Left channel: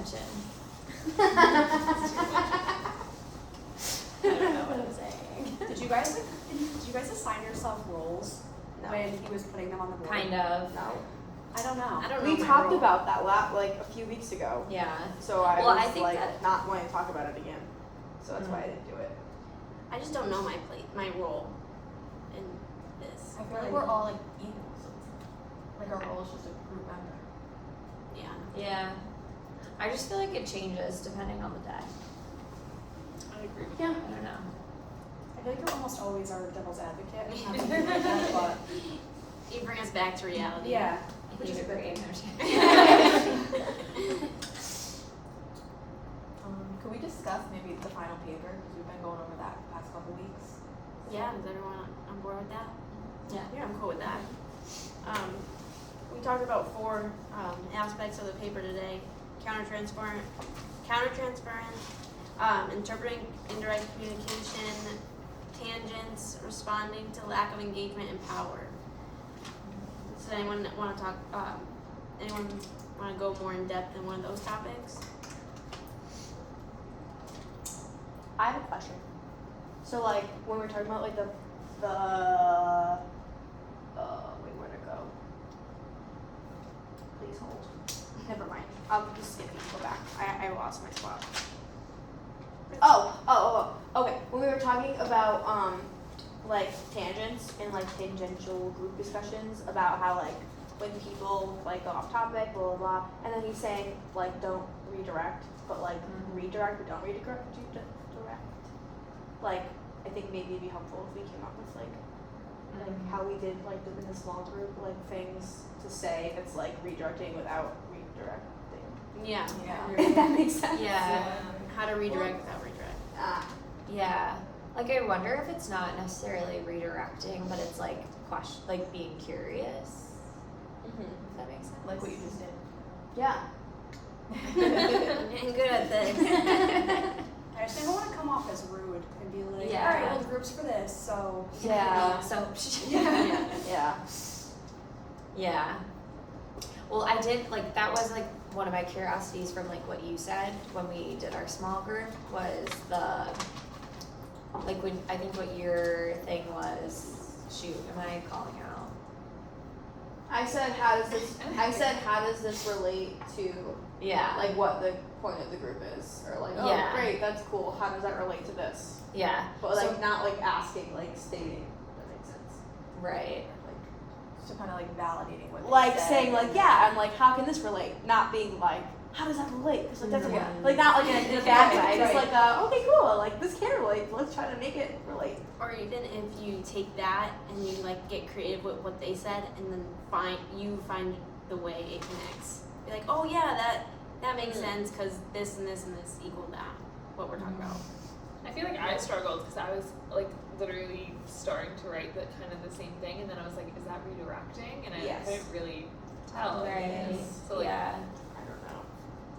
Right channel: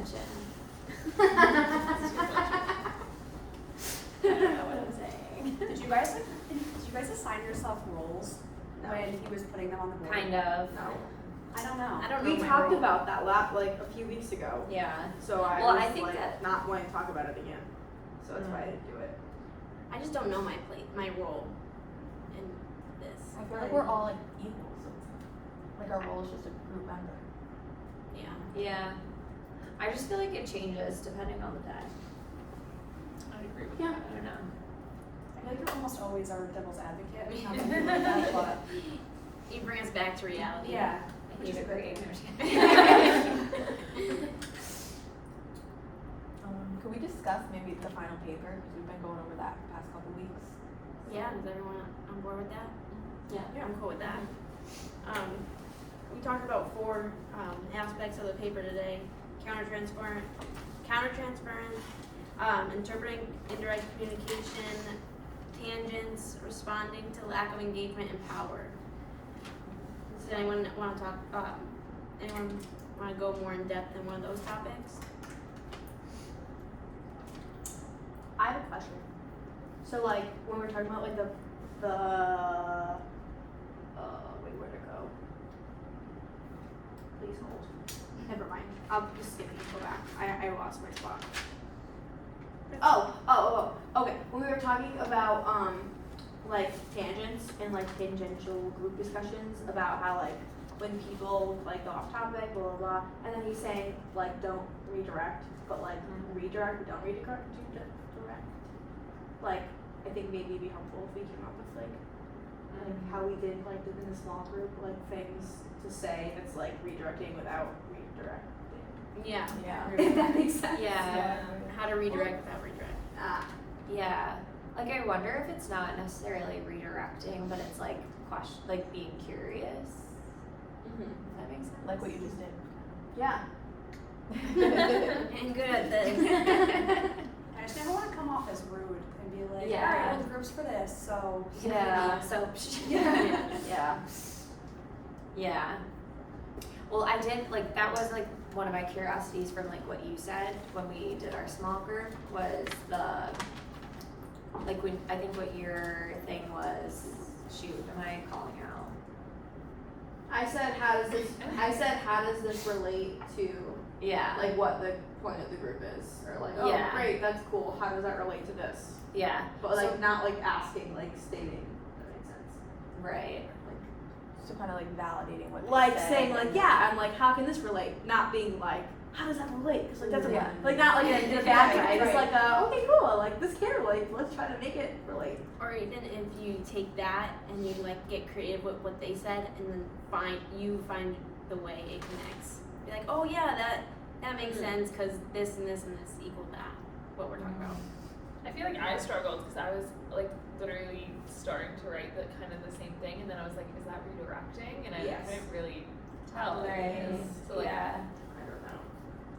attention. I don't know what I'm saying. Did you guys assign yourself roles when he was putting them on the board? Kind of. No. I don't know. I don't know. We my talked role. about that like a few weeks ago. Yeah. So I Well, was I think like that- not wanting to talk about it again. So that's why I didn't do it. I just don't know my role in this. I feel like we're all like equal, so it's like our role is just a group member. Yeah. Yeah. I just feel like it changes depending on the day. I agree with Yeah. I don't know. I feel like you're almost always our devil's advocate. But You bring us back to reality. yeah. I Which is hate a good agreeing. Could we discuss maybe the final paper, because we've been going over that the past couple weeks? Yeah, is everyone on board with that? Yeah. I'm cool with that. We talked about 4 aspects of the paper today: countertransference, interpreting indirect communication, tangents, responding to lack of engagement, and power. Does anyone want to talk? Anyone want to go more in depth in one of those topics? I have a question. So like when we're talking about like the wait, where'd it go? Please hold. Never mind. I'll just skip and go back. I lost my spot. Okay. When we were talking about like tangents and like tangential group discussions about how like when people like go off topic, blah blah blah, and then he's saying like don't redirect, but like redirect but don't redirect. Like I think maybe it'd be helpful if we came up with like how we did like in the small group like things to say if it's like redirecting without redirecting. Yeah. Yeah. If that makes sense. Yeah. How to redirect without redirect. Yeah. Like I wonder if it's not necessarily redirecting, but it's like like being curious. If that makes sense. Like what you just did. Yeah. I'm good at this. I just never want to come off as rude and be like, Yeah. all right, well, groups for this, so. Yeah. So. Yeah. Yeah. Well, I did like that was like one of my curiosities from like what you said when we did our small group was the like when I think what your thing was. Shoot, am I calling out? I said how does this relate to Yeah. like what the point of the group is? Or like, oh Yeah. great, that's cool. How does that relate to this? Yeah. But like not like asking, like stating, if that makes sense. Right. Like So kind of like validating what they like said saying like and yeah, I'm like how can this relate? Not being like how does that relate? Because like that's Yeah. like not like in a bad way. It's Right. like okay cool, like this can relate. Let's try to make it relate. Or even if you take that and you like get creative with what they said and then find the way it connects. Be like, oh yeah, that makes sense because this and this and this equal that. What we're talking about. I feel like I struggled because I was like literally starting to write the kind of the same thing, and then I was like, is that redirecting? And I Yes. couldn't really tell. Right. So like, yeah. I don't know.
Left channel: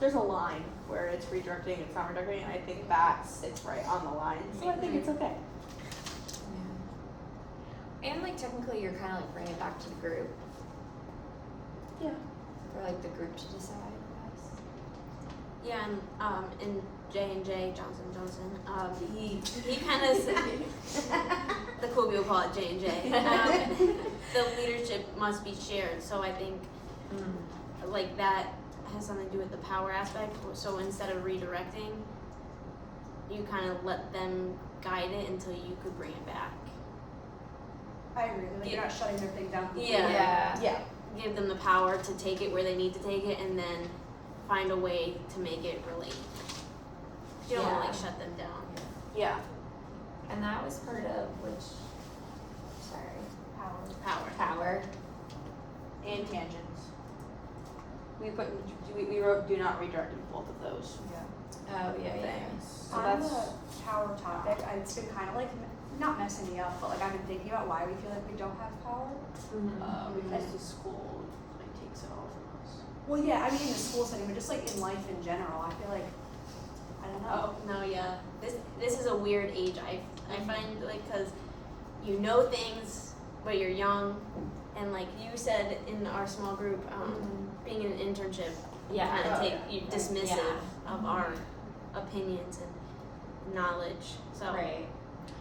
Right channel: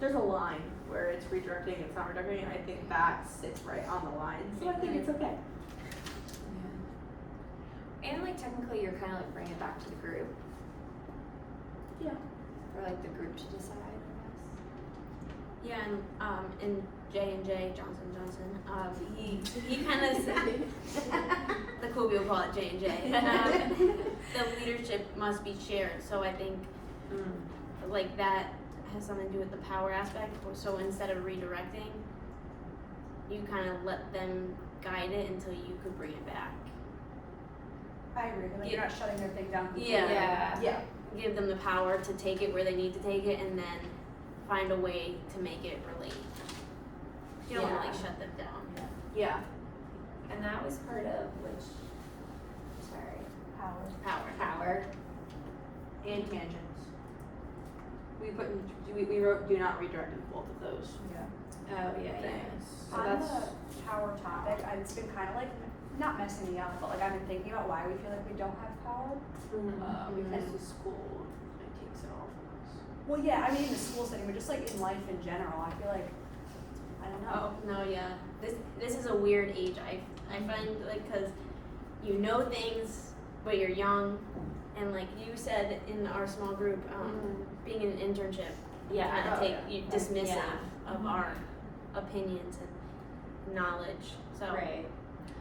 There's a line where it's redirecting and it's not redirecting, and I think that sits right on the line. So I think it's okay. And like technically you're kind of like bringing it back to the group. Yeah. For like the group to decide, I guess. Yeah, and in J&J Johnson, he kind of said the cool people call it J&J. The leadership must be shared. So I think like that has something to do with the power aspect. So instead of redirecting, you kind of let them guide it until you could bring it back. I agree. Like you're not shutting their thing down completely. Yeah. Yeah. Give them the power to take it where they need to take it, and then find a way to make it relate. You don't want to like shut them down. Yeah. And that was part of which, sorry, Power. And tangents. We wrote do not redirect in both of those oh yeah, things. So On that's the power topic, it's been kind of like not messing me up, but like I've been thinking about why we feel like we don't have power. because the school like takes it all from us. Well, yeah, I mean in the school setting, but just like in life in general, I feel like I don't know. No, yeah. This is a weird age. I find like because you know things, but you're young, and like you said in our small group, being in an internship, Yeah. kind of take you dismissive Yeah. of our opinions and knowledge. So Right.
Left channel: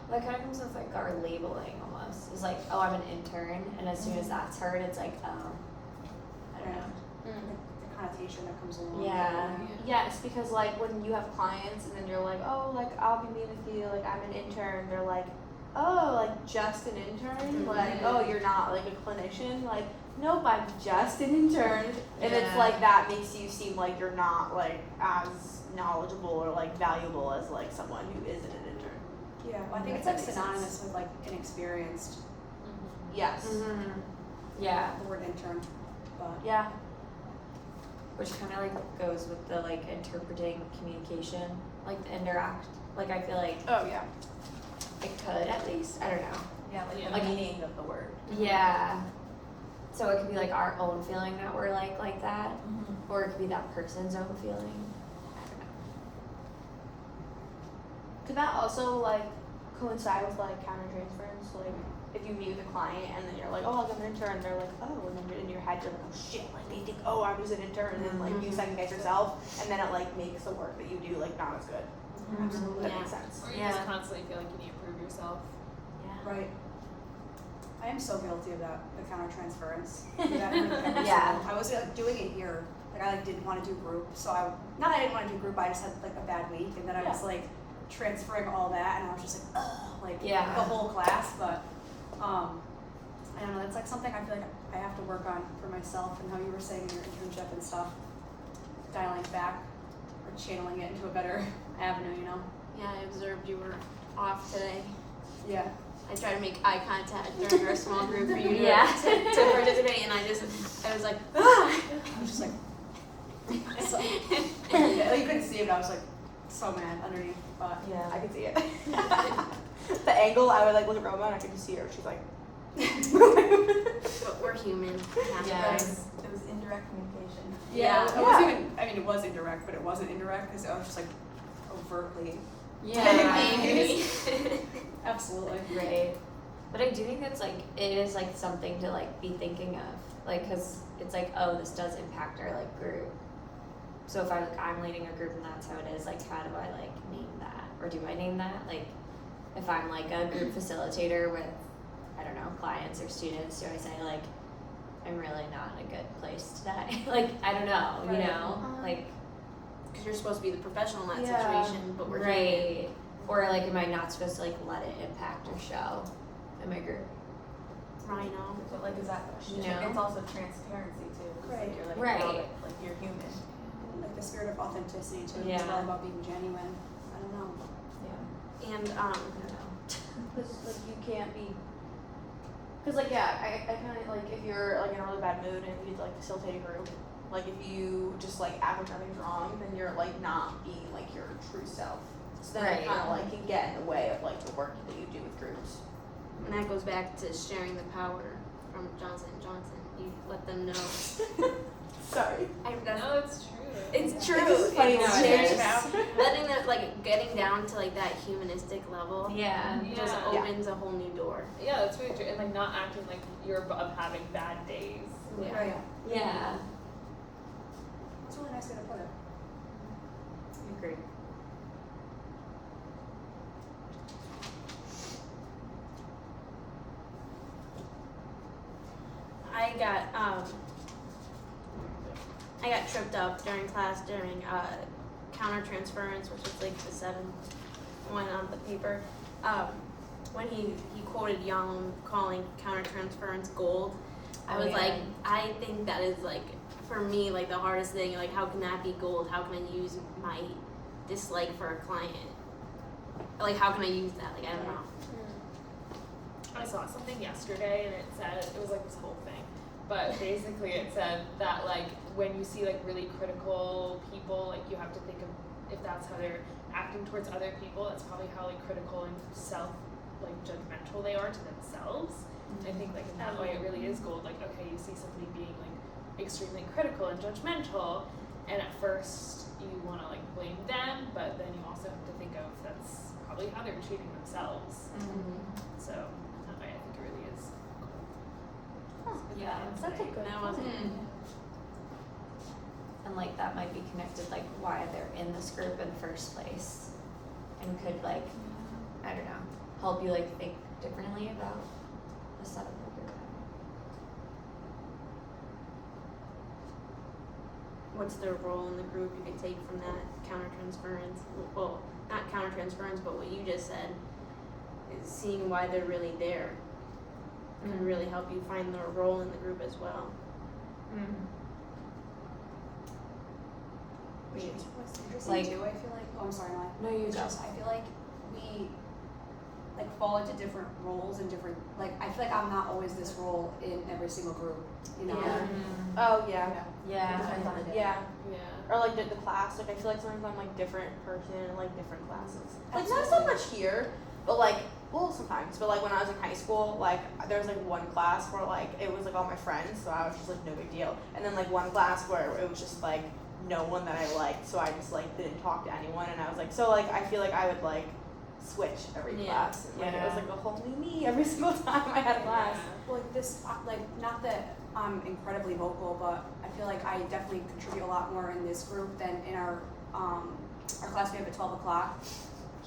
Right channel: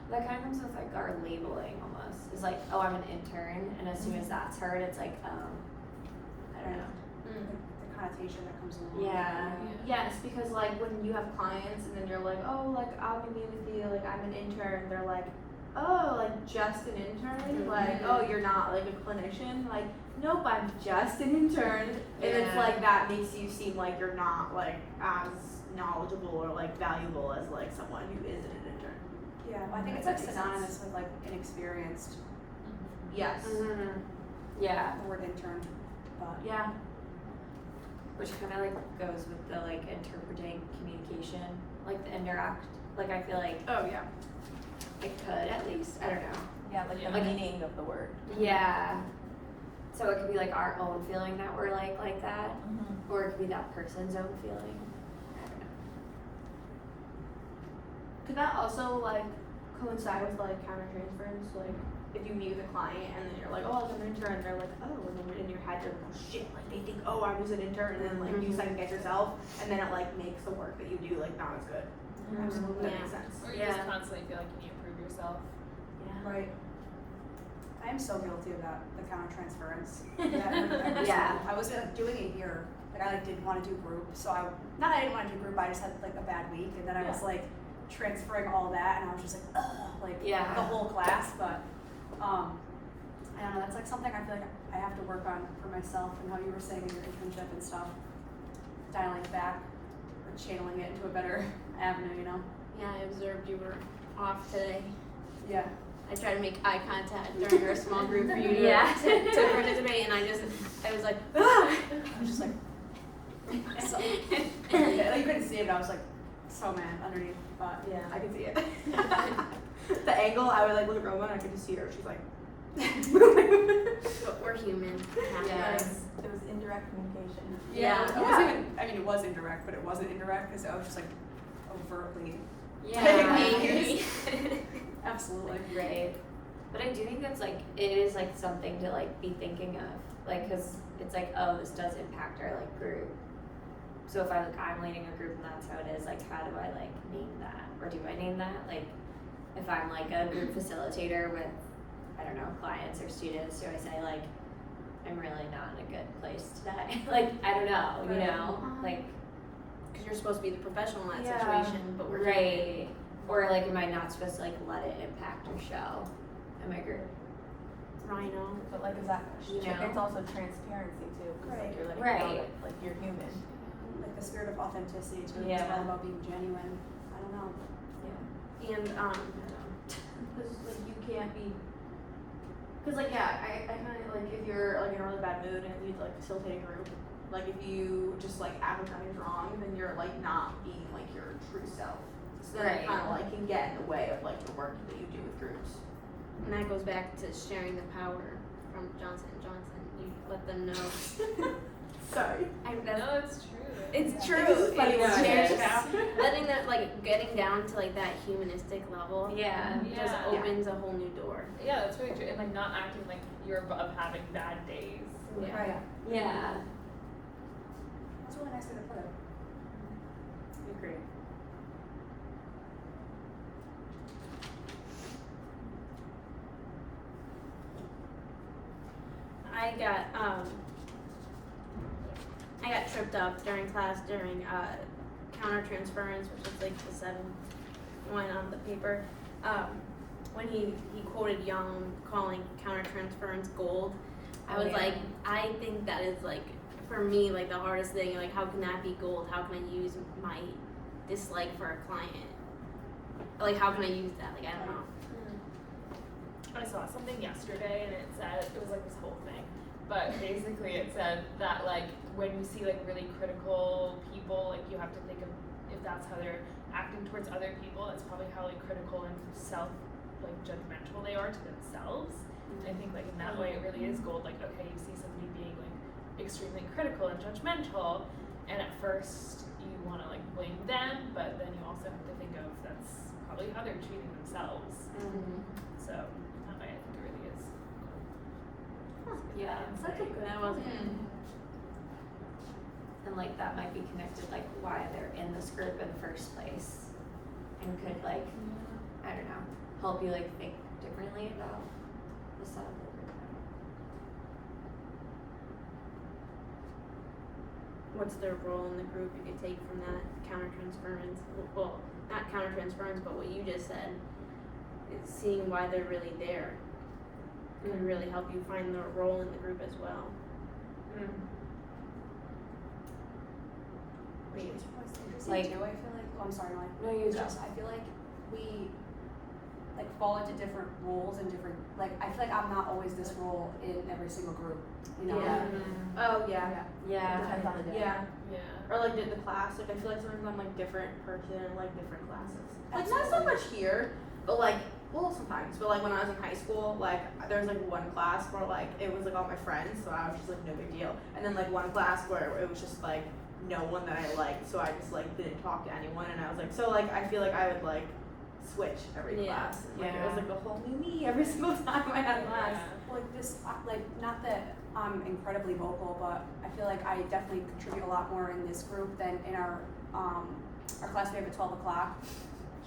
Well, that kind of comes with like our labeling almost. It's like, oh, I'm an intern, and as soon as that's heard, it's like, oh, I don't know. The connotation that comes along. Yeah. Yes, because like when you have clients and then you're like, oh, like I'll be with you, like I'm an intern. They're like, oh, like just an intern. Like, oh, you're not like a clinician. Like, nope, I'm just an intern. And it's Yeah. like that makes you seem like you're not like as knowledgeable or like valuable as like someone who isn't an intern. Yeah, well, I think it's That like makes synonymous with like inexperienced, Yes. Mm-hmm. Yeah. the word intern, but. Yeah. Which kind of like goes with the like interpreting communication, like the interact. Like I feel like Oh yeah. it could at least. I don't know. Yeah, like Yeah. the meaning of the word. Yeah. So it could be like our own feeling that we're like that, or it could be that person's own feeling. I don't know. Could that also like coincide with like countertransference? Like if you meet with a client and then you're like, oh, like I'm an intern, they're like, oh, and then in your head you're like, oh shit, like they think, oh, I was an intern, and then like you second guess yourself, and then it like makes the work that you do like not as good. Absolutely. That Yeah. makes sense. Or you Yeah. just constantly feel like you need to prove yourself. Yeah. Right. I am so guilty about the countertransference. Yeah. Yeah. I was like doing it here. Like I like didn't want to do group, so not that I didn't want to do group. I just had like a bad week, and then I was like transferring all that, and I was just like, ugh, like Yeah. the whole class. But I don't know. That's like something I feel like I have to work on for myself, and how you were saying in your internship and stuff, dialing it back or channeling it into a better avenue. You know? yeah, I observed you were off today. Yeah. I tried to make eye contact during our small group for you to, Yeah. to participate, and I was like, ah! I was just like. So, yeah, you couldn't see it, but I was like so mad underneath. But Yeah. I could see it. The angle, I would like look at Roma and I could just see her. She's like. But we're human. We have to Yeah. learn. It was indirect communication. Yeah. It wasn't even. I mean, it was indirect, but it wasn't indirect because I was just like overtly. Yeah. Angry. Absolutely. Right. But I do think it's like it is like something to like be thinking of, like, because it's like, oh, this does impact our like group. So if I'm leading a group and that's how it is, like, how do I like name that, or do I name that? Like, if I'm like a group facilitator with, I don't know, clients or students, do I say like, I'm really not in a good place today? Like, I don't know, you know, like. Because you're supposed to be the professional in that Yeah. situation, but we're human. Right. Or like, am I not supposed to like let it impact or show in my group? Rhino. But like, is that? You know? It's also transparency too. 'Cause, Right. Like you're letting Right. you know that, like you're human. Like the spirit of authenticity too. It's Yeah. all about being genuine. I don't know. And I don't know. Because like you can't be. Because like yeah, I kind of like if you're like in a really bad mood and you like facilitate a group, like if you just like act like nothing's wrong, then you're like not being like your true self. So then Right. it kind of like can get in the way of like the work that you do with groups. And that goes back to sharing the power from Johnson & Johnson. You let them know. Sorry. No, it's true. It's true. It's funny It's when shared it's- power. Letting them, like, getting down to, like, that humanistic level Yeah. just Yeah. opens a whole new door. Yeah, that's really true. And like not acting like you're above having bad days. Yeah. Right. Yeah. That's a really nice way to put it. I agree. I got tripped up during class during countertransference, which is like the 7th one on the paper. When he quoted Young calling countertransference gold, I was Oh, yeah. like, I think that is like for me like the hardest thing. Like, how can that be gold? How can I use my dislike for a client? Like, how can I use that? Like, I don't know. I saw something yesterday and it said, it was like this whole thing, but basically it said that like when you see like really critical people, like you have to think of if that's how they're acting towards other people, that's probably how like critical and like judgmental they are to themselves. And I think like in that way it really is gold. Like, okay, you see somebody being like extremely critical and judgmental, and at first you want to like blame them, but then you also have to think of that's probably how they're treating themselves. So in that way, I think it really is. Yeah. That wasn't. And and like that might be connected like why they're in this group in the first place, and could like, I don't know, help you like think differently about the setup of your group. What's their role in the group you could take from that countertransference? Well, not countertransference, but what you just said, is seeing why they're really there can really help you find their role in the group as well. What's interesting Like- too, I feel like, oh, I'm sorry, Molly. No, you It's just. I feel like we like fall into different roles and different, like, I feel like I'm not always this role in every single group, you know? Yeah. Oh yeah. Yeah. Depends on the day. Yeah. Yeah. Or like the class. Like I feel like sometimes I'm like different person in like different classes. Like not so Absolutely. much here, but like well sometimes. But like when I was in high school, like there was like one class where like it was like all my friends, so I was just like no big deal. And then like one class where it was just like no one that I liked, so I just like didn't talk to anyone. And I was like, so like I feel like I would like switch every Yeah. class. Like it Yeah. was like a whole new me every single time I had class. Like this, like, not that I'm incredibly vocal, but I feel like I definitely contribute a lot more in this group than in our class we have at 12 o'clock.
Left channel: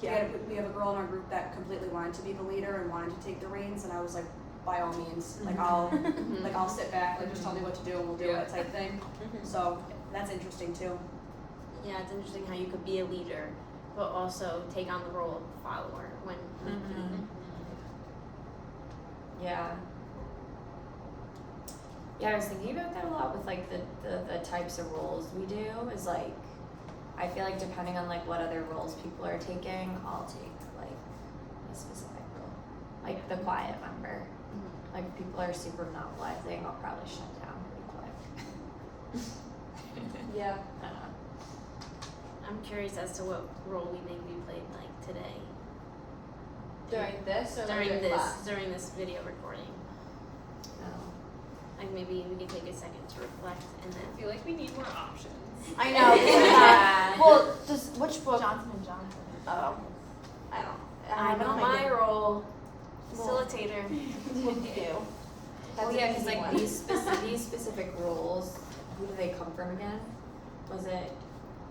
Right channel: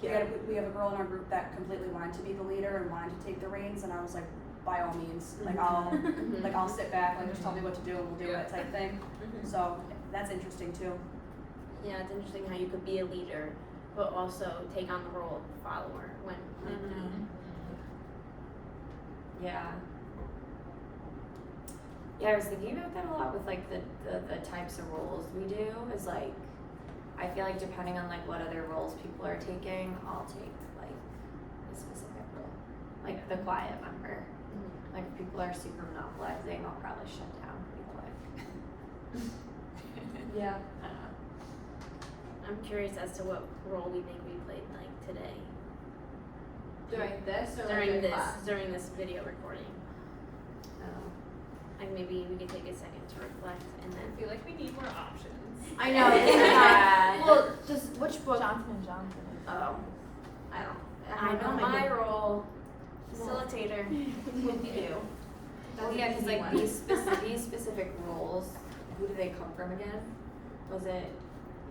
We have a girl in our group that completely wanted to be the leader and wanted to take the reins, and I was like, by all means, like I'll sit back, like just tell me what to do and we'll do Yeah. it type thing. So that's interesting too. Yeah, it's interesting how you could be a leader, but also take on the role of follower when need be. Yeah. Yeah, I was thinking about that a lot with like the types of roles we do is like, I feel like depending on like what other roles people are taking, I'll take like a specific role. Like the quiet member. Like if people are super monopolizing, I'll probably shut down real quick. Yeah. I don't know. I'm curious as to what role we think we played like today During this or like during this class? during this video recording. No. Like maybe we could take a second to reflect and then. I feel like we need more options. I know. Yeah. Well, does which book? Johnson and Johnson. I don't. I know my role, facilitator. What do you do? Well, yeah, because like these specific roles, who do they come from again? Was it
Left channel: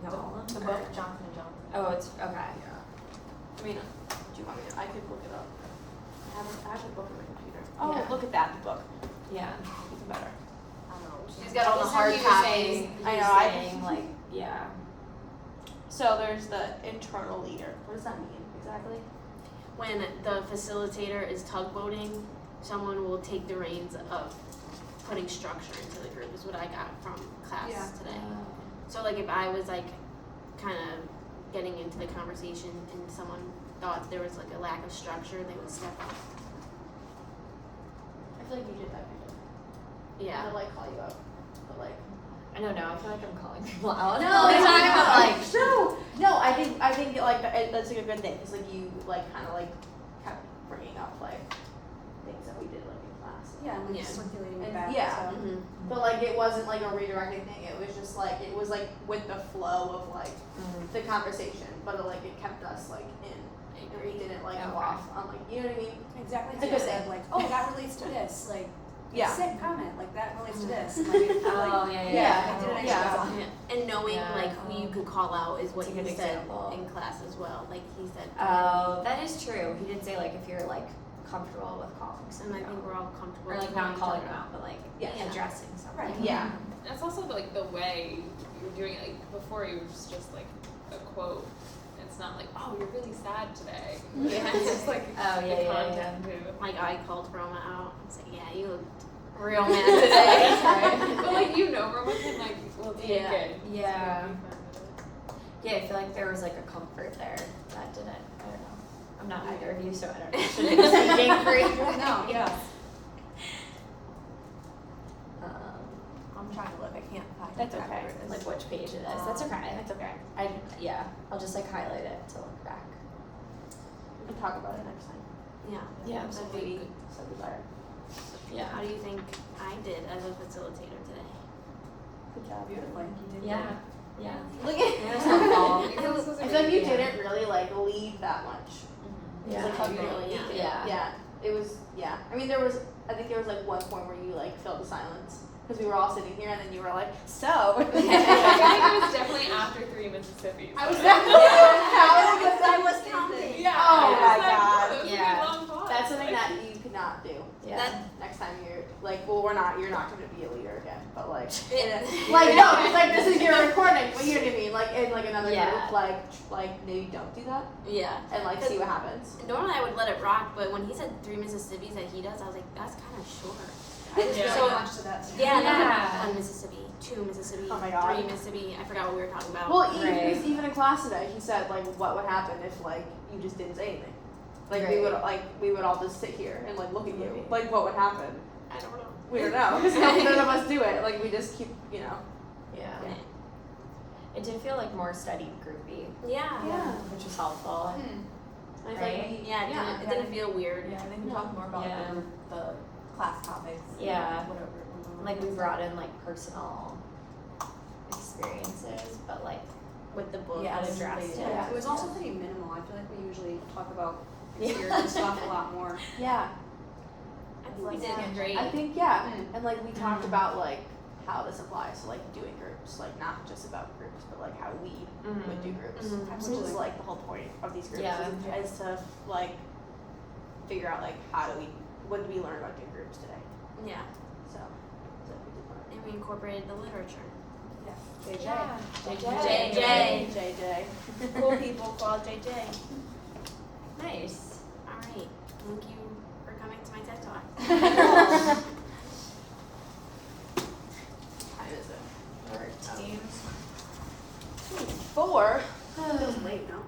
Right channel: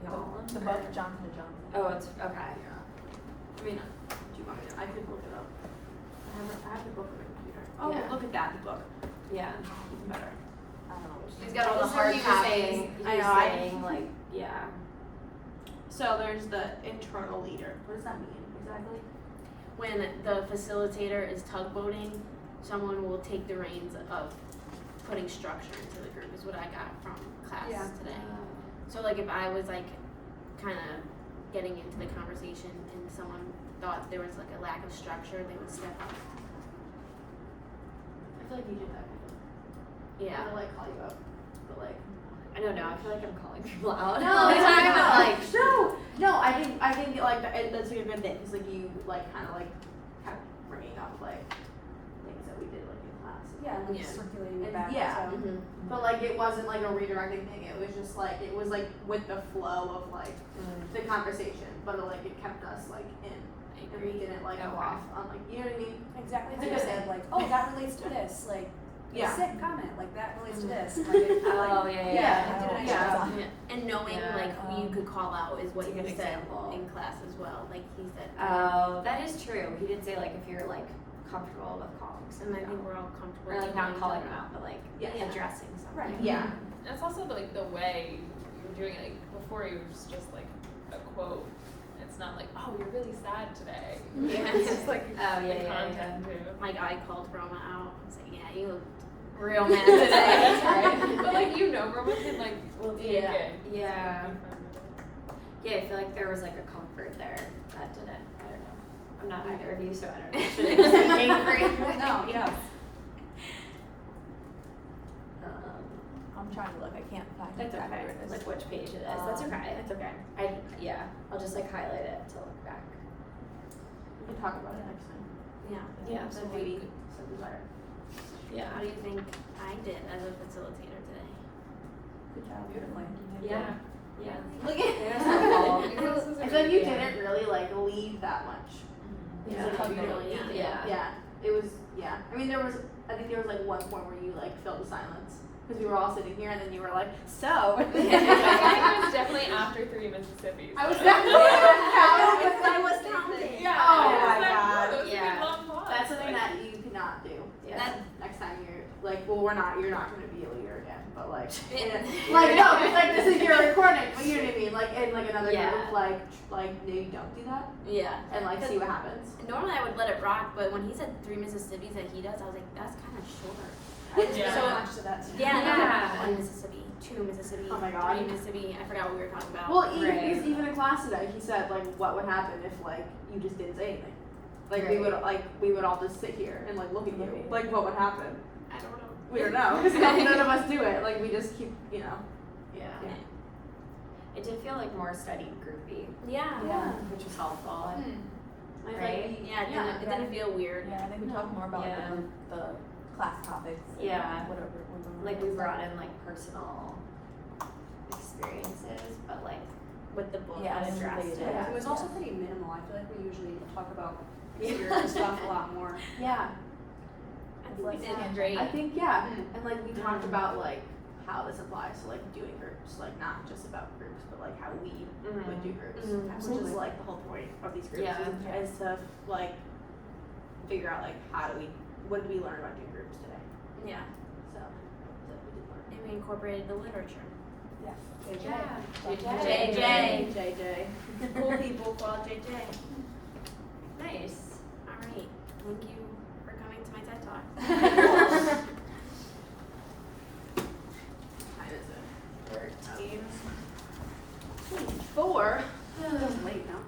y'all? The book Johnson and Johnson. Oh, it's okay. I mean, do you want me? I could look it up. I have a book on my computer. Oh, Yeah. look at that the book. Yeah. Better. I don't know. She's got all the hard You're copies. saying- I you're know, saying, like, yeah. So there's the internal leader. What does that mean exactly? When the facilitator is tugboating, someone will take the reins of putting structure into the group is what I got from class Yeah. today. So like if I was like kind of getting into the conversation and someone thought there was like a lack of structure, they would step up. I feel like you did that. Yeah. I like call you out, but like. I don't know. I feel like I'm calling people out. No, all the time, but, like, no. I think like that's like a good thing because like you like kind of bringing up like things that we did like in class. Yeah, and like Yeah. circulating it And- back. yeah. So. Mm-hmm. But like it wasn't like a redirecting thing. It was just like it was like with the flow of like the conversation, but it kept us like in. And we didn't like go Okay. off on like you know what I mean? Exactly. It's a Like I good said, thing. like, oh, that relates to this. Like, Yeah. sick comment. Like that relates to this. Like, Oh, yeah, yeah. I did a nice Yeah. job. And knowing Yeah. like who you could call out is what That's a he good said example. in class as well. Like he said, Oh, that is true. He did say like if you're like comfortable with calling and someone I think out. we're all comfortable or like taking not each calling other them out, but like Yeah. addressing something. Right. Yeah. That's also like the way you're doing it. Like before, you were just like a quote. It's not like, oh, you're really sad today. Yeah. It's just like Oh, the yeah, yeah, content too. Like I called Roma out. I was like, yeah, you looked real mad today. But like you know, Roma can like will take Yeah. it. Yeah. So be fine with it. Yeah, I feel like there was like a comfort there that didn't. I don't know. I'm not either of you, so I don't know. Should I be speaking for you? No, yeah. I'm trying to look. I can't find That's exactly okay. where it is. Like which page it is. That's okay. That's okay. I'll just like highlight it to look back. We can talk about it next time. Yeah. Yeah, That'd Lady, be- so we got it. Yeah. How do you think I did as a facilitator today? Good job. Beautifully. Yeah. Yeah. Look at Yeah, that's helpful. I feel like you didn't really like leave that much. Yeah. Like, how you really Yeah. did. Yeah. It was. Yeah. I mean, I think there was like one point where you like felt the silence. because we were all sitting here, and then you were like, so. I think it was definitely after 3 Mississippis. I was so. that because I was counting. Yeah. Oh I was my like, God. "Oh, those Yeah. would be long pause." That's something that you cannot do. Yeah. That- Next time you're like, well, you're not going to be a leader again, but like, It- like no, it's like this is your recording, but you know what I mean? Like in like another Yeah. group, like maybe don't do that Yeah. and like see what happens. Normally I would let it rock, but when he said 3 Mississippis that he does, I was like, that's kind of short. I just Yeah. so much to that. Too. Yeah, Yeah. 1 Mississippi, 2 Mississippi, Oh my God. 3 Mississippi. I forgot what we were talking about. Well, Right. even in class today, he said like, what would happen if like you just didn't say anything? Like Right. we would all just sit here and like look at you. Like what would happen? I don't know. We don't know because none of us do it. Like we just keep, you know. Yeah. Yeah. It did feel like more study groupy, Yeah. Yeah. which was helpful. I feel Right. like we, Yeah, it didn't feel weird. Yeah, I think we talked more about Yeah. the class topics. and Yeah. Whatever. Like we brought in like personal experiences, but like With the book. Yeah, addressed everybody it. did. It was also pretty minimal. I feel like we usually talk about experience stuff a lot more. yeah. I think we Like did tangent. great. I think yeah, Mm. and like we talked about like how this applies to like doing groups, like not just about groups, but like how we would do groups. Mhm. Which Absolutely. is like the whole point of these groups Yeah. is to like figure out like what did we learn about doing groups today? Yeah. So And we incorporated the literature. JJ. JJ. JJ. Cool people call JJ. Nice.